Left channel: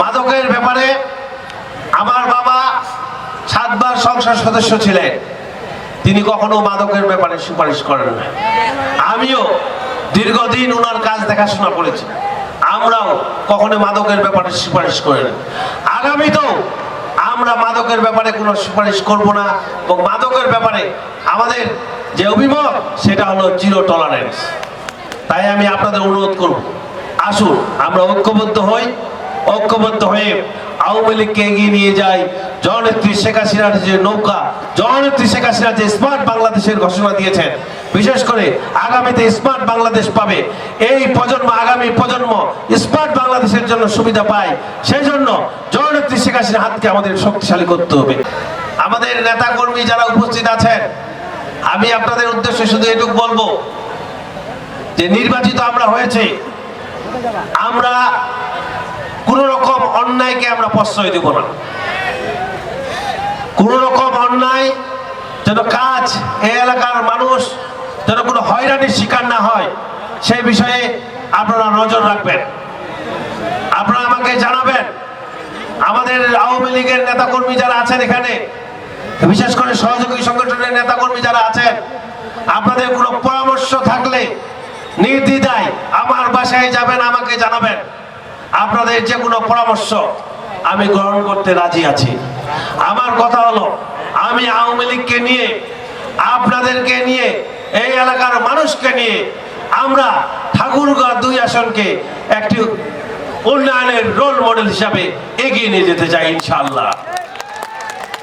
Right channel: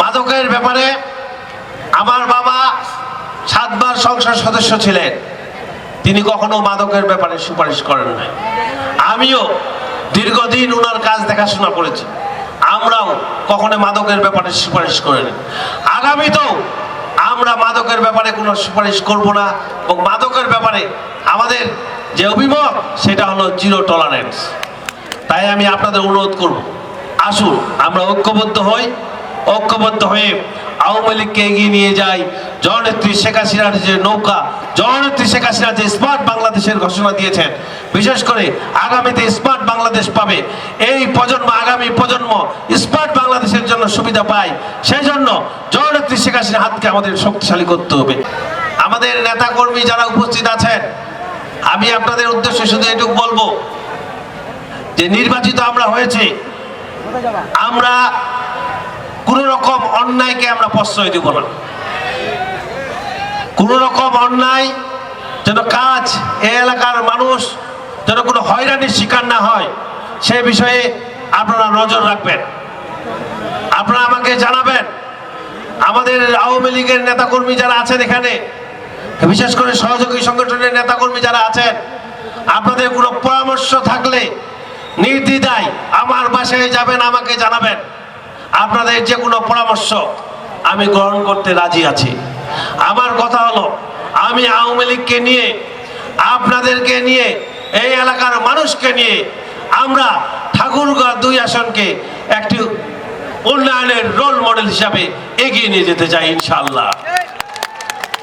মাদকের ব্যাপারে আমার বাবা সাতবার সংসদ সদস্য ছিলেন। তিনি কখনো মাদকের ব্যাপারে সুপারিশ করেন না আমিও দীর্ঘদিন ওনার কাজ দেখাশোনা করেছি। আমরাও কখনো মাদকের ব্যাপারে সুপারিশ করিনি। আগামীতেও আমরা মাদকের ব্যাপারে কোনো সুপারিশ করব না এবং মাদকের ব্যাপারে আমাদের যে অভিমত, সেটা হলো জিরো টলারেন্স তাই আমি আপনাদের অনুরোধ করব, আসুন, আমরা ঐক্যবদ্ধ হই। ঐক্যবদ্ধ হয়ে আওয়ামী লীগকে এগিয়ে নিয়ে যাই জননেত্রী শেখ হাসিনার যে নৌকা, জননেত্রী শেখ হাসিনা যে স্মার্ট বাংলাদেশের ঘোষণা দিয়েছেন, বিশেষ করে আগামীতে স্মার্ট বাংলাদেশ পাবে। এই প্রজন্ম, আগামী প্রজন্ম স্মার্ট বাংলাদেশের জন্য সুবিধা পায়। সেই জন্য জননেত্রী শেখ হাসিনার হাতকে আমাদের শক্তিশালী করতে হবে। আমাদের নেতা কর্মী যারা উপস্থিত আছেন, আমি আপনাদের উদ্দেশ্যে শুধু এটুকু বলব যে নির্বাচিত আমরা হয়েছে। আমরা কোন রকম অন্যায়কে আমরা প্রশ্রয় দেব না। কোন রকম অন্যায় যেন কাজ এই এলাকার মানুষ যেন কোনো হয়রানির শিকার না হয়, সে বিষয়ে আপনারা নজর রাখবেন। আপনারা আমাকে জানাবেন। আমাদের আওয়ামী লীগের নেতাকর্মী যারা আছেন এখানে, বিশেষ করে সহযোগী সংগঠনের নেতাকর্মী যারা আছেন, আপনাদের কোনো পরামর্শ থাকলে নির্দ্বিধায় আমার বাসায় যাবেন, আমাকে জানাবেন। আপনাদের যে কোনো পরামর্শ আমি গ্রহণ করতে রাজি আছি। আমার কথা হলো, আমি আওয়ামী লীগকে নিয়ে, আপনাদেরকে নিয়ে, এই এলাকার মানুষকে নিয়ে আমরা ঠাকুরগাঁ দুই আসনকে একটি উন্নয়নের রোল মডেল হিসাবে এগিয়ে নিয়ে যেতে চাই ইনশাআল্লাহ।